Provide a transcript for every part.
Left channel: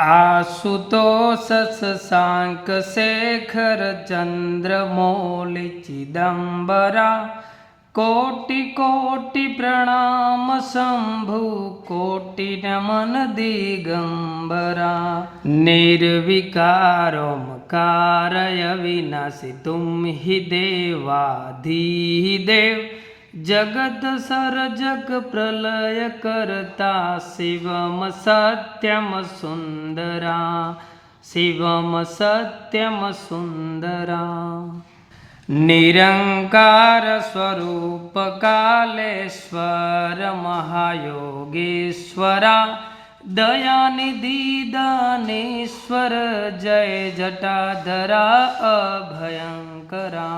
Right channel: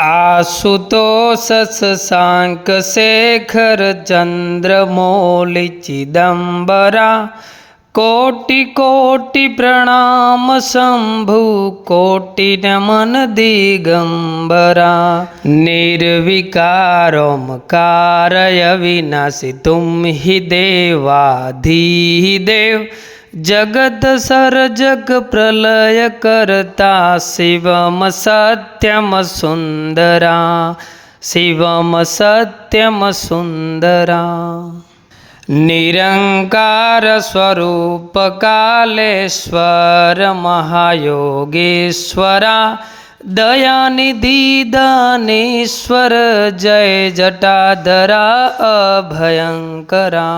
आशुतोष शशांक शेखर चंद्रमौलि चिदंबरा कोटि कोटि प्रणाम शंभु कोटि नमन दिगंबरा निर्विकारोमकार अविनाशी तुम ही देवाधिदेव जगत सर्जक प्रलय करता शिवम सत्यम सुंदरा शिवम सत्यम सुंदरा निरंकार स्वरूप कालेश्वर महायोगेश्वरा दयानिधि दानेश्वर जय जटाधरा अभयंकरा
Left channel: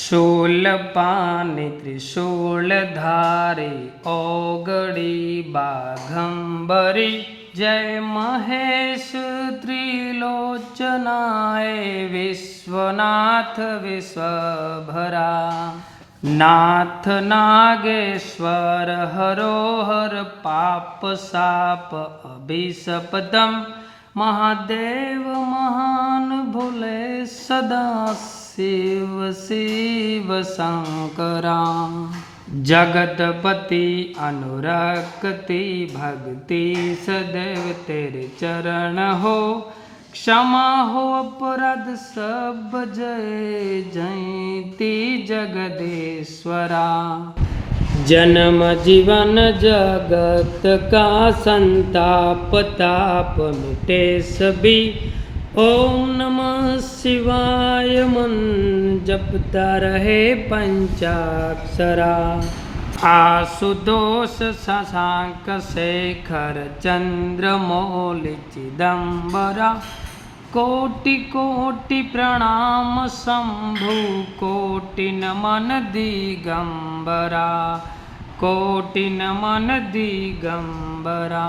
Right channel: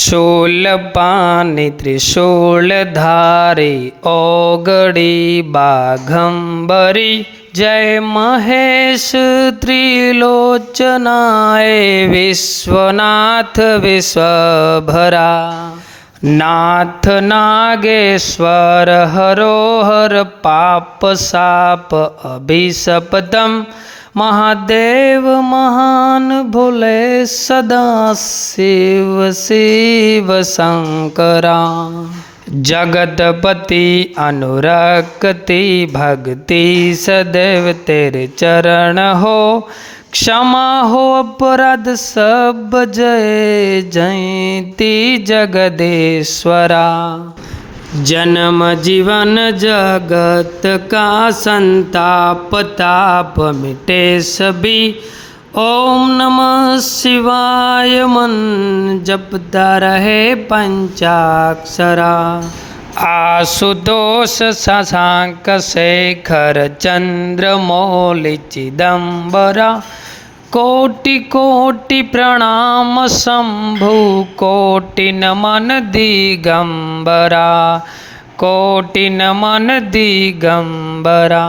शूलपाणि त्रिशूलधारी ओगड़ी बाघंबरी जय महेश त्रिलोचनाय विश्वनाथ विश्वभरा नाथ नागेश्वर हरोहर पाप साप अभिशपतम महादेव महान भोले सदा शिव शिव शंकरा जगतपति अनुरक्ति भक्ति सदैव तेरे चरण हो क्षमा हो अपराध सब जय जयति जगदेश्वरा जन्म जीवन जगत का संताप ताप मिटे सभी ओम नमः शिवाय मन जपता रहे पंचाक्षरा आशुतोष शशांक शेखर चंद्रमौलि चिदंबरा कोटि कोटि प्रणाम शंभु कोटि नमन दिगंबरा कोटि नमन दिगंबरा।